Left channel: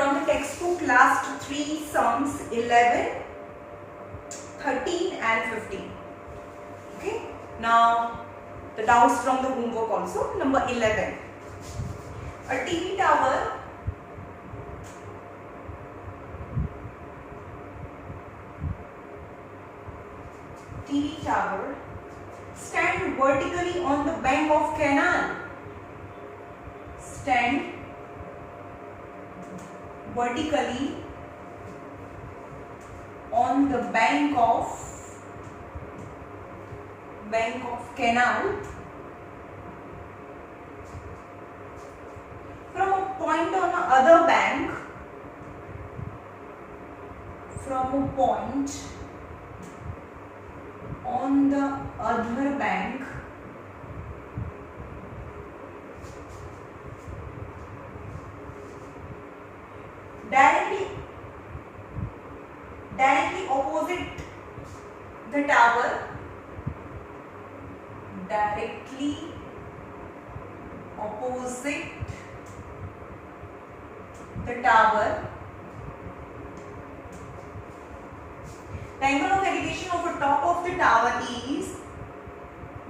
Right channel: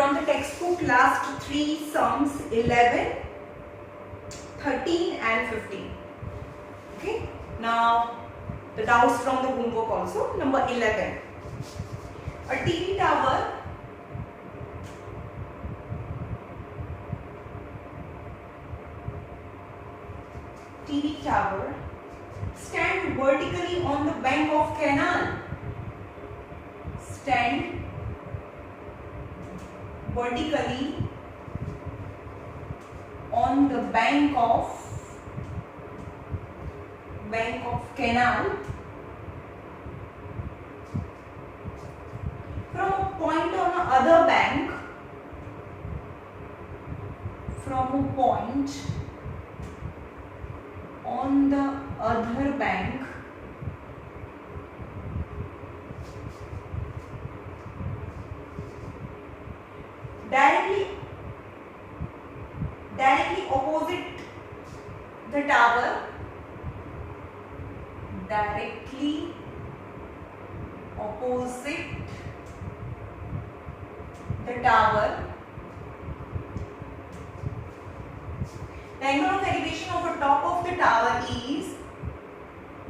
from the textbook last three sums 11, 13 and 15. Okay. Now the doubts from the homework also. Number 11. A TV tower stand vertically on the bank of canal. Stand vertically on the bank of canal from a point on the other bank, on the other bank directly opposite the tower,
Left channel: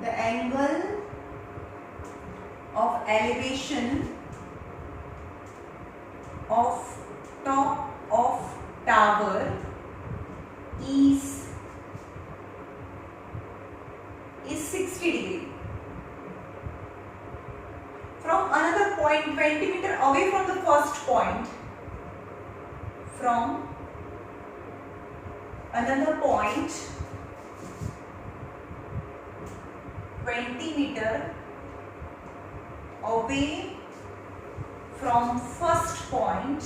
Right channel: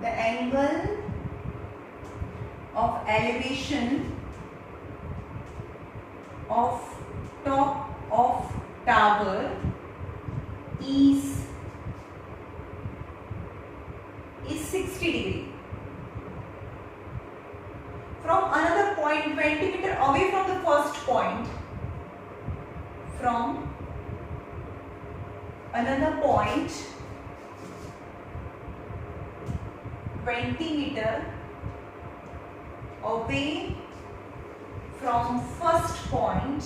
The angle of elevation of the top of the tower is is 60 degree. From another point 20 meter away from the first point, from another point 20 meter away from first point,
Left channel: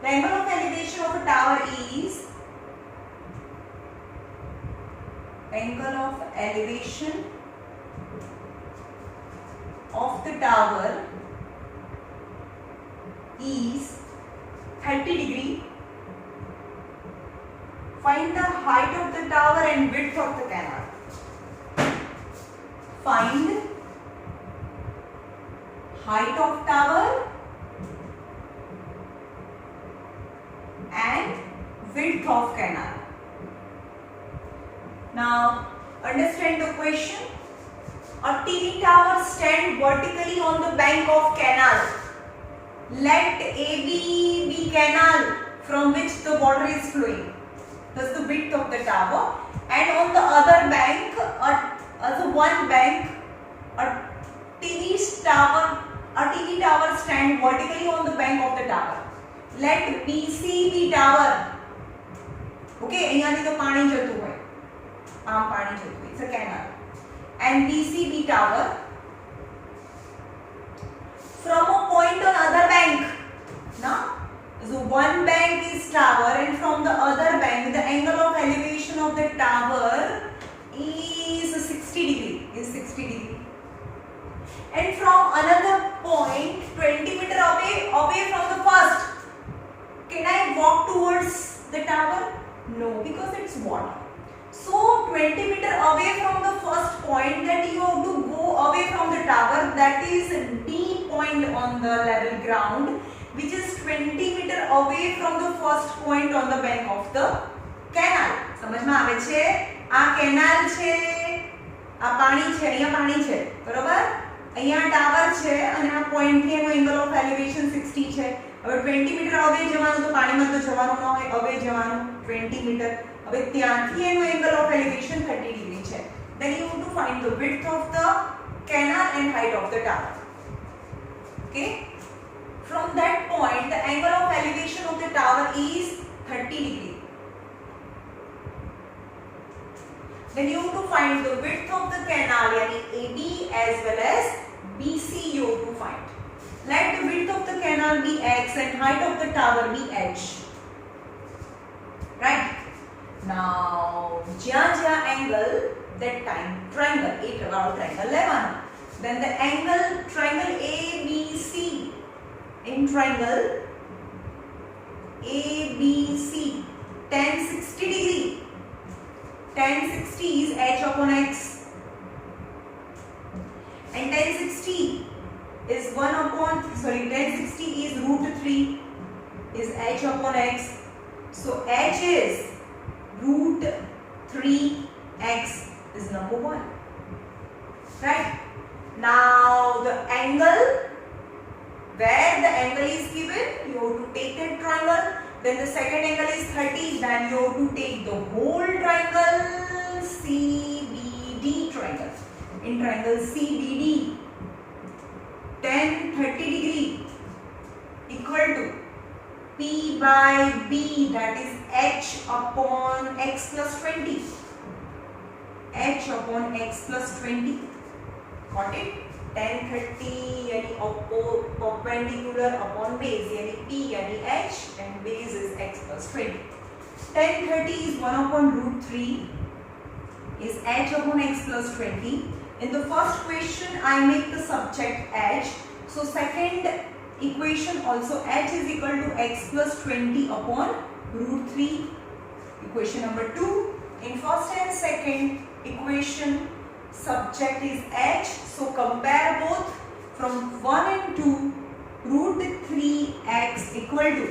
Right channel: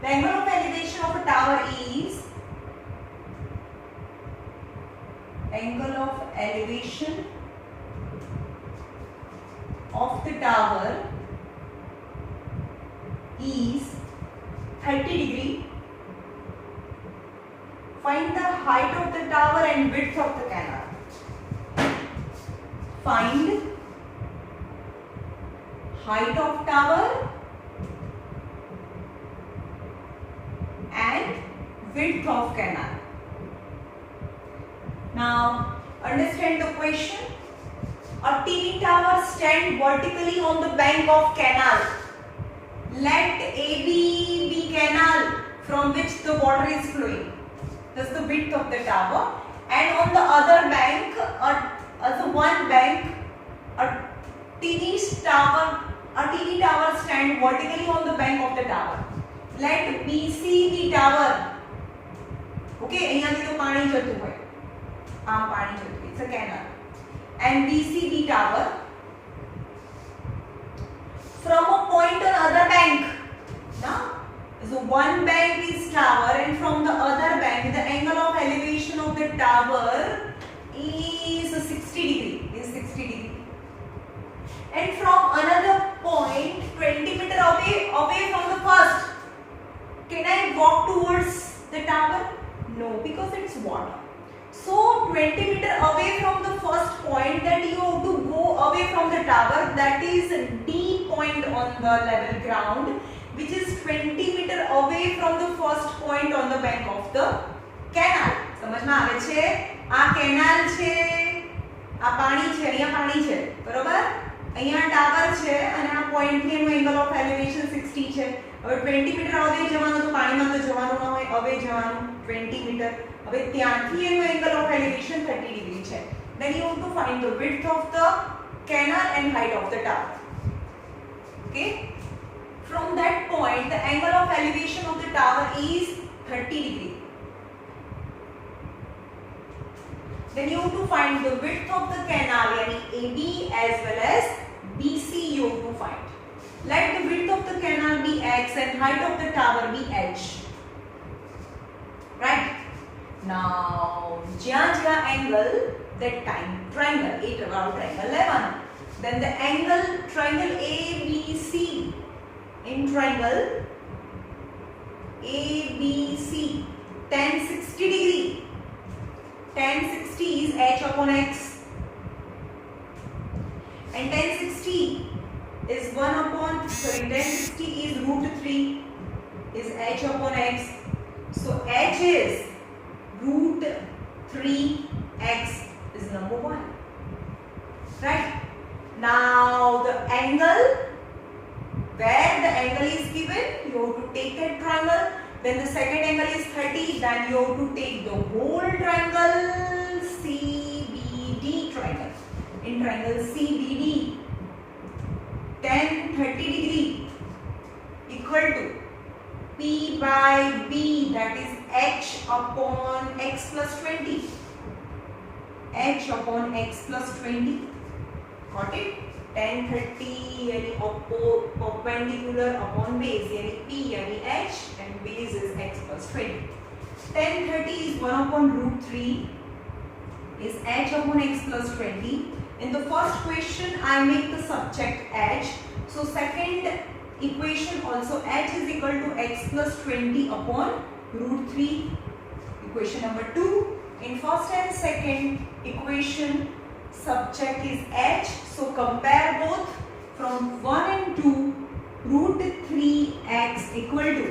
the angle of elevation of a tower is is 30 degree. Find the height of the tower and width of the canal. Find height of tower and width of canal. Now understand the question. A TV tower stand vertically on the bank of canal. Let AB be canal from which the water is flowing. That's the width of the tower. And on the other bank, a TV tower stand vertically on the bank of the tower. Let BC be tower. Okay, અહીંયા તો પાણી જતું હોય. પાણી જતું હોય. It's a canal. And BC be tower. From a point on other bank. Now, so one bank is tower and from the other bank the angle of elevation of the tower is 60 degree. And from another point 20 meter away from the first. Can I walk towards the tower? No, because it's water. So 20 meter away from the first point, that you have to go away from the tower, that is D point on the level ground, which is 20 meter away from the first point on the bank of the canal. સમજમાં આવે છે? આ canal છે, આ પાણી છે, અહીંયા પાણી છે, બરોબર? અહીંયા ટાવર છે અને આ પોઈન્ટ થી એનો એંગલ ઓફ એલિવેશન 60 છે. હવે 20 મીટર અવે જવાનું તો પાણીમાં તો જવાનું ન હોય, અવે જવાનું 20 મીટર. હવે ત્યાંથી એનો એંગલ ઓફ એલિવેશન 30 ડિગ્રી છે. Then you have to find the width of the canal and height of the tower. Okay? From that point, the angle of elevation of the tower is 30 degree. Then you have to find the width of the canal, yani AB as well as BC you have to find. Let the width of the canal be X and height of the tower be H. Right? Now, જ્યાં angle, that time triangle, triangle લેવાનો. Then the angle triangle ABC, in triangle ABC, tan 60 degree. Tan 60 is H upon X. and 1060 is 1060 is root 3 is h upon x. So h is root 3x is number 1. Right? Now the angle, where the angle is given, you have to take that triangle. Then the second angle is 30, then you have to take the whole triangle CBD triangle. In triangle CBD, then 30 degree equal to P by B, that is h upon x plus 20. h upon x plus 20. Got it? tan 30 यानी perpendicular upon base यानी P यानी h and base is x plus 20. tan 30 is 1 upon root 3 is h upon x plus 20. In the first question I make the subject h. So second equation also h is equal to x plus 20 upon root 3. Equation number 2. In first and second equation subject is h, so compare both. From 1 and 2, root 3x equal to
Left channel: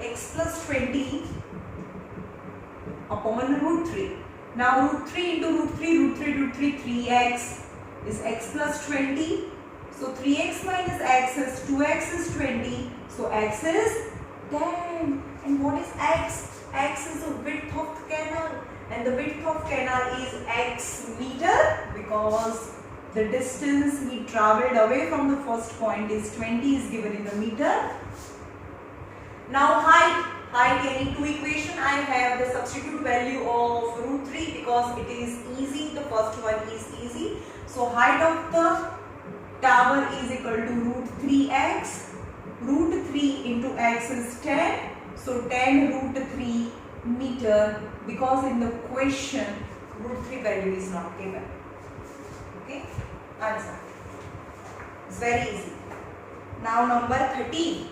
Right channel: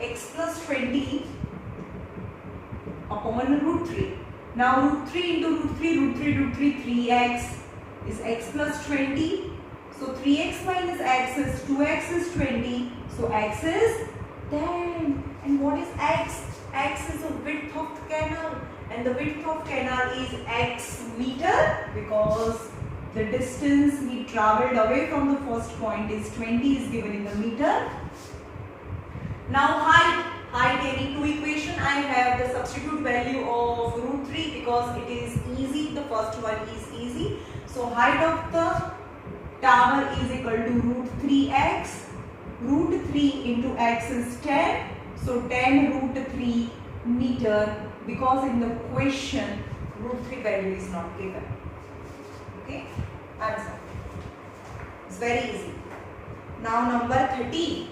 x plus 20 upon root 3. Now root 3 into root 3, 3x is x plus 20. So 3x minus x is 2x is 20. So x is 10. And what is x? X is the width of the canal. And the width of canal is x meter because the distance he travelled away from the first point is 20 is given in the meter. Now height any two equation I have the substitute value of root 3 because it is easy. The first one is easy. So height of the tower is equal to root 3x. Root 3 into x is 10. So 10 root 3 meter, because in the question root 3 value is not given. Okay, answer. It's very easy. Now number 13.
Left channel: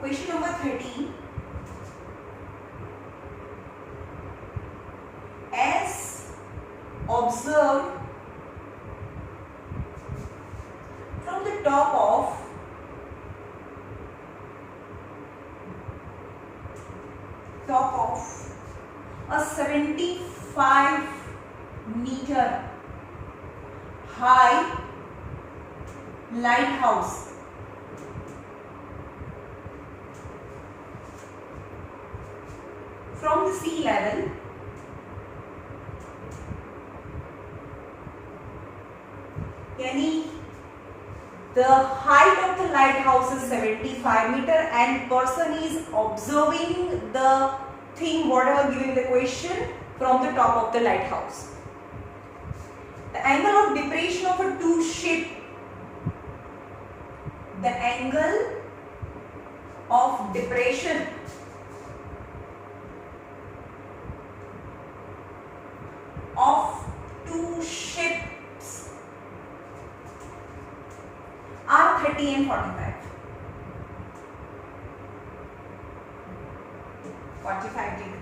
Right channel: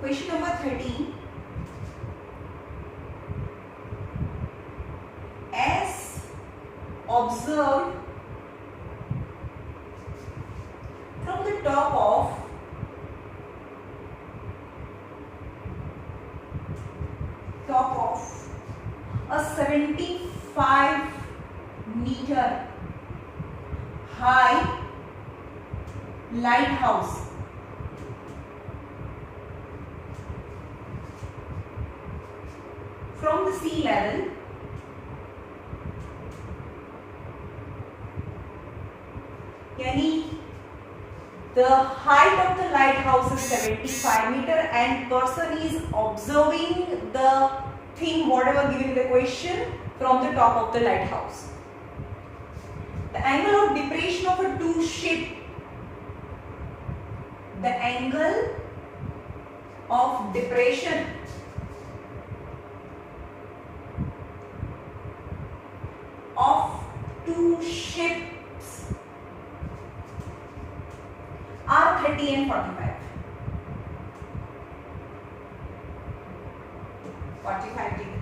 Question number 13. As observed from the top of a 75 meter high lighthouse, from the sea level, yani the height of the lighthouse is 75 meter and person is observing the thing whatever given in the question from the top of the lighthouse. The angle of depression of a two ship, the angle of depression of two ships are 30 and 45. 45 degree.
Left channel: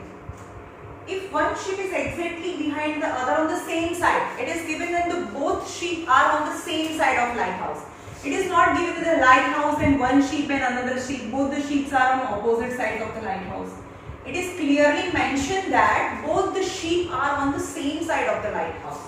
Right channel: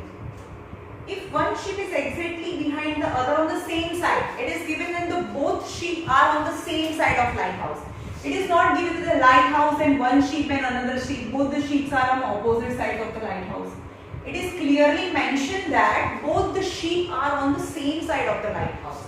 If one ship is exactly behind the other on the same side, it is given that the both ship are on the same side of lighthouse. It is not given that the lighthouse and one ship and another ship, both the ships are on opposite sides of the lighthouse. It is clearly mentioned that both the sheep are on the same side of the lighthouse.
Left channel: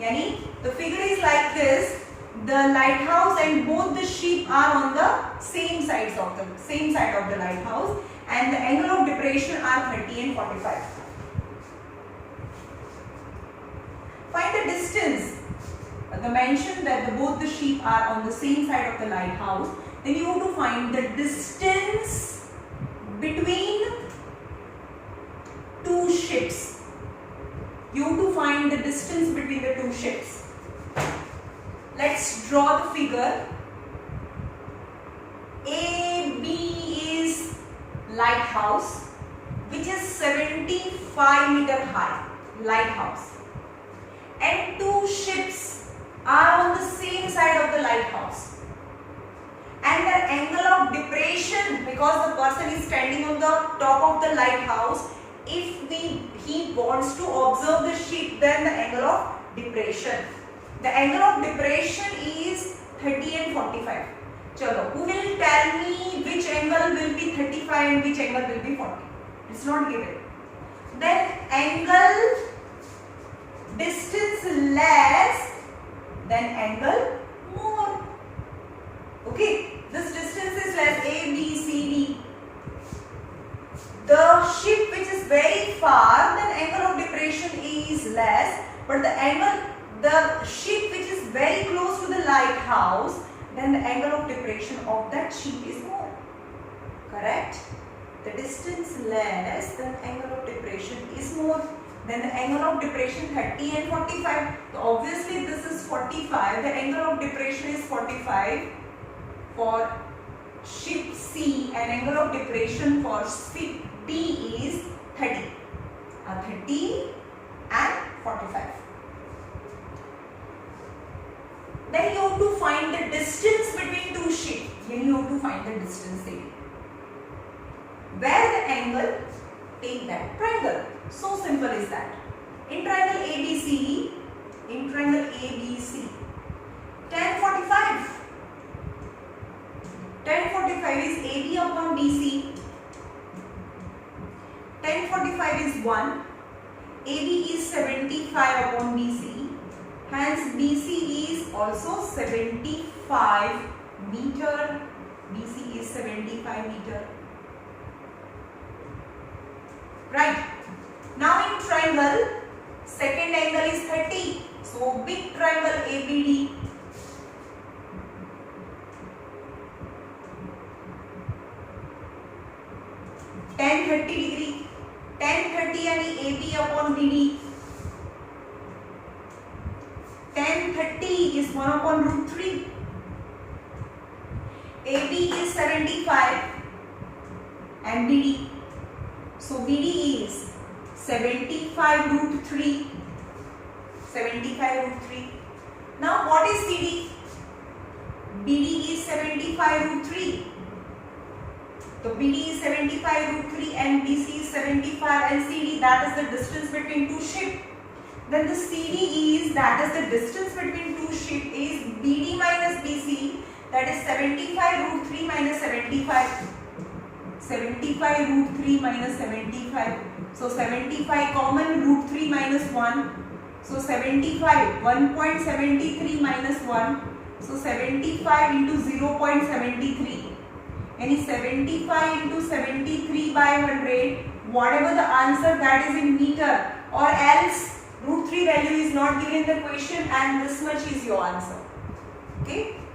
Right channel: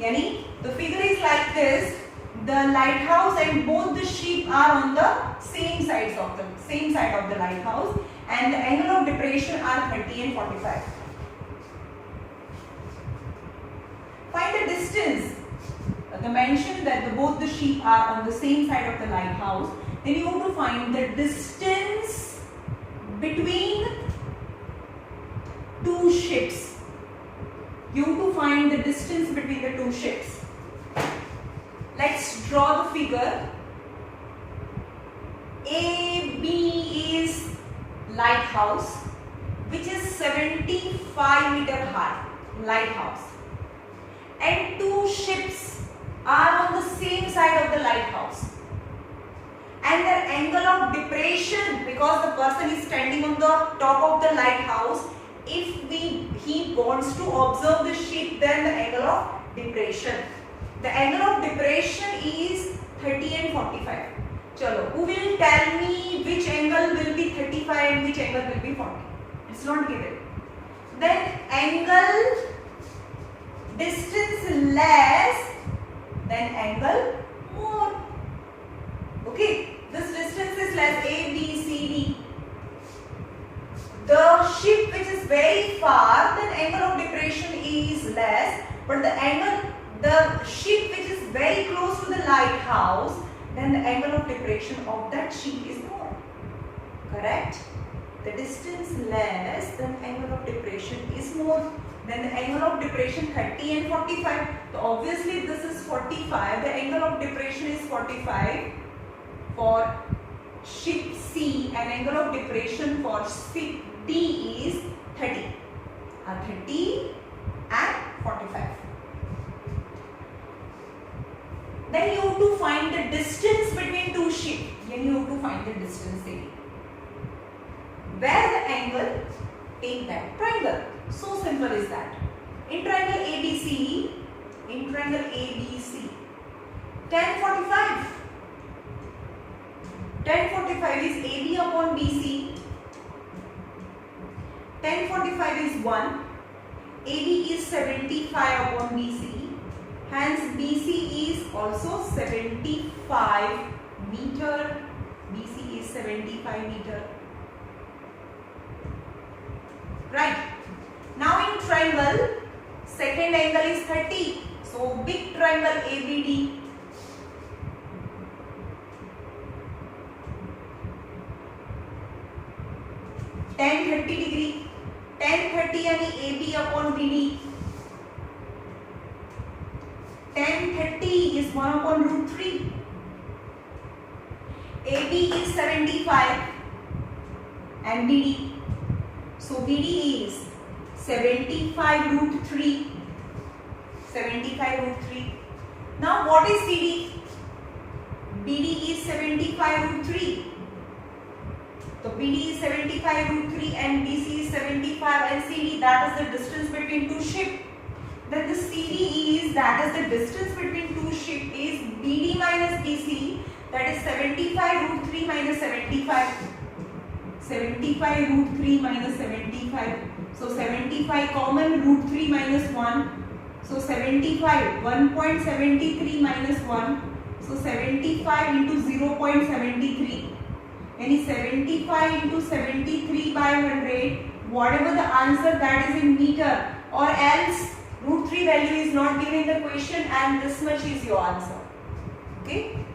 Yani the figure is like this. The lighthouse and both the sheep are on the same side of the lighthouse, and the angle of depression are 30 and 45. Find the distance. The mention that both the sheep are on the same side of the lighthouse. Then you have to find the distance between two ships. You have to find the distance between the two ships. Let's draw the figure. A, lighthouse which is 75 meter high, lighthouse, and two ships are on the same side of the lighthouse, and their angle of depression, because the person is standing on the top of the lighthouse, if he wants to observe the ship, then the angle of depression. The angle of depression is 30 and 45. Chalo, who will tell me which angle will be 35 and which angle will be 40? It's not given. Then angle distance less, then angle more. Okay, this distance is less, A, B, C, D. The ship which is very far, then angle of depression is less, but the ship which is very close to the lighthouse, then the angle of depression of that ship is more. Correct? The distance less, then angle of depression is more. Then the angle of depression 30 and 45. So obviously this is 45. The angle of depression is 45 for ship C, and angle of depression for ship D is 30. 30 and 45. Then you have to find the distance between two ships. Then you have to find the distance there. Where the angle? Take that triangle. So simple is that. In triangle ABC, tan 45. Tan 45 is AB upon BC. Tan 45 is 1. AB is 75 upon BC. Hence BC is also 75 meter. BC is 75 meter. Right. Now in triangle, second angle is 30. So big triangle ABD. Tan 30 degree. Tan 30 यानी AB upon BD. Tan 30 is 1 upon root 3. AB is 75 and BD. So BD is 75 root 3. 75 root 3. Now what is CD? BD is 75 root 3. So BD is 75 root 3 and BC is 75 and CD, that is the distance between two ships. Then the CD is, that is the distance between two ships, is BD minus BC, that is 75 root 3 minus 75. 75 root 3 minus 75. So 75 common, root 3 minus 1. So 75, 1.73 minus 1. So 75 into 0.73. Any 75 into 73 by 100. Whatever the answer, that is in meter. Or else root 3 value is not given in the question and this much is your answer. Okay.